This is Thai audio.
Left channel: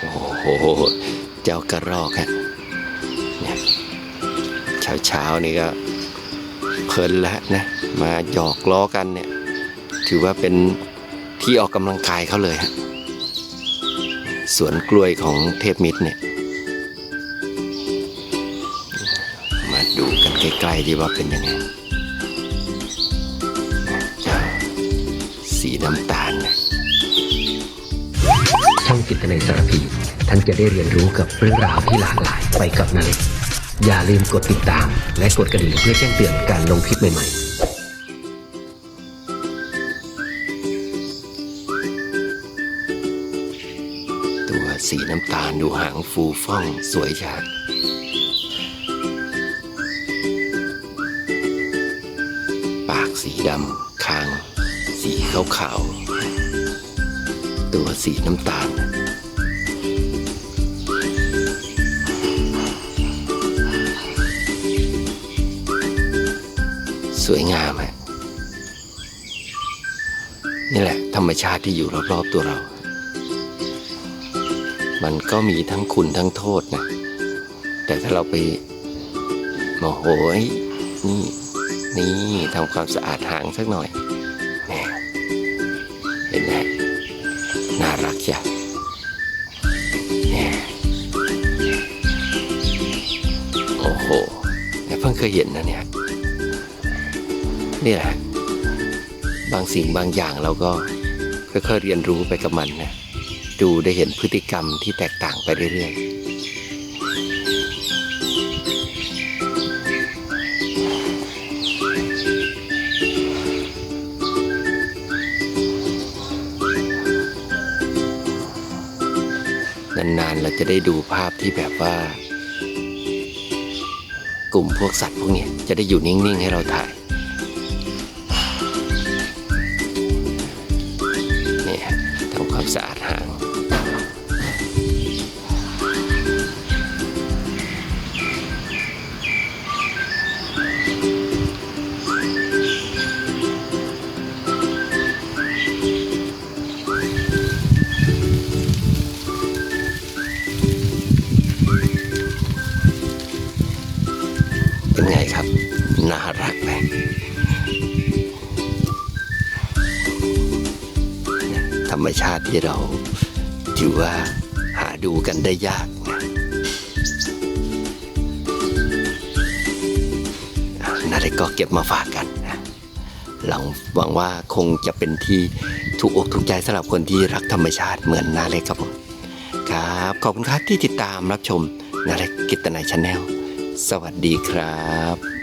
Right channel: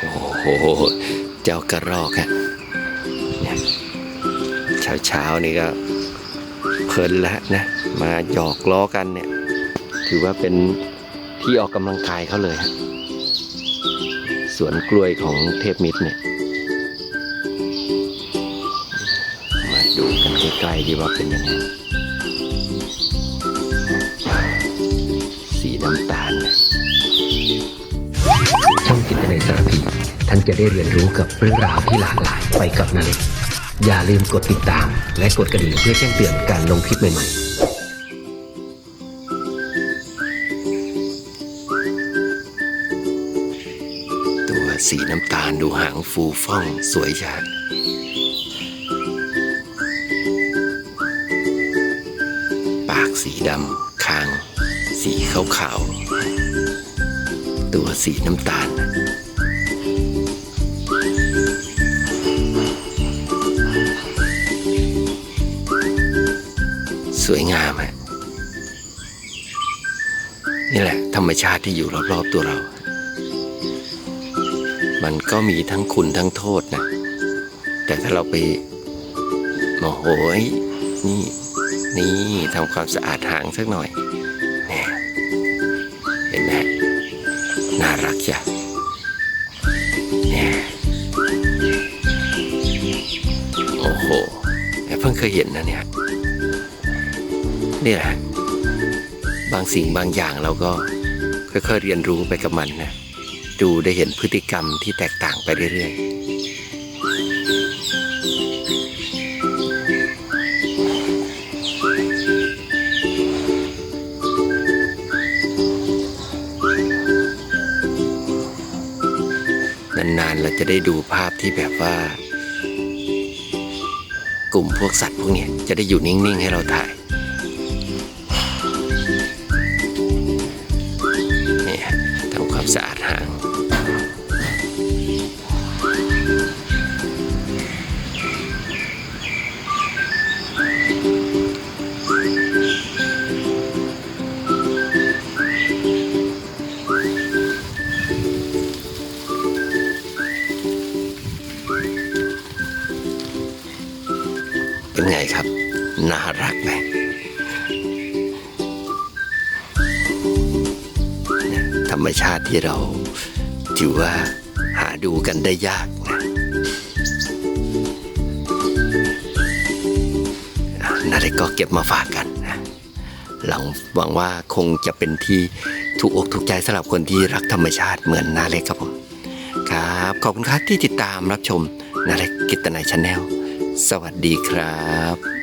โอ้โห เจ้ากระรอกฮะเนี่ยเช้าเช้านี่ก็เพลินแล้วนะ มาหยอกล้อกันเนี่ย ถือว่าเป็นที่ออกกำลังกายเขาเลยฮะสวนกล้วยของเทพมิตรเนี่ย มาดูกันใกล้ๆดีว่าเป็นยังไงสีน้ำตาลเนี่ย จิตในยสารพี ท่านจะได้เรียนรู้กับเรื่องราวที่หลากหลายไปกับนาเล็กอย่าลืมกดติดตาม และกดกระดิ่งเพื่อแจ้งเตือนการลงคลิปใหม่ๆตัวสีน้ำตาลดูหางฟูฟ่องสวยชาดปากสีดำคาง สีขาวๆ ตัวสีน้ำตาล สวยงามฮะนี่แหละ ธรรมชาติที่อยู่รอบๆตัวเรา มันก็มีทั้งคุณทั้งโทษนะ แต่ถ้าเราไปโมโหยนี่นี่ทำความสะอาดหางสักหน่อยเนี่ยเห็นไหมน่ารักจ้ะเนี่ยโอ้โหยี่เพิ่งเคยเห็นนะเนี่ย นี่ยบางสิ่งบางอย่างเราก็ค่อยๆเรียนรู้ไปกับมันนะดูได้เห็นพฤติกรรมที่แตกต่างไปเรื่อยๆนานๆเราจะได้ดูภาพที่แบบว่า กลุ่มพวกสัตว์พวกนี้จะได้อยู่นิ่ง ๆ ให้เราถ่าย ทำความสะอาดหางเป็นไงครับ น่ารักไหม รรมชาติที่เราถือว่าหาดูกันได้ยากนะนาเล็กก็เก็บมาฝากกันนะหลังหวังว่าคงจะเป็นที่ถูกอกถูกใจสำหรับคนที่รักธรรมชาติเหมือนนาเล็กครับผมครับ ขอบคุณครับที่ติดตามรับชมนาเล็กกิตนายชาแนลสวัสดีครับ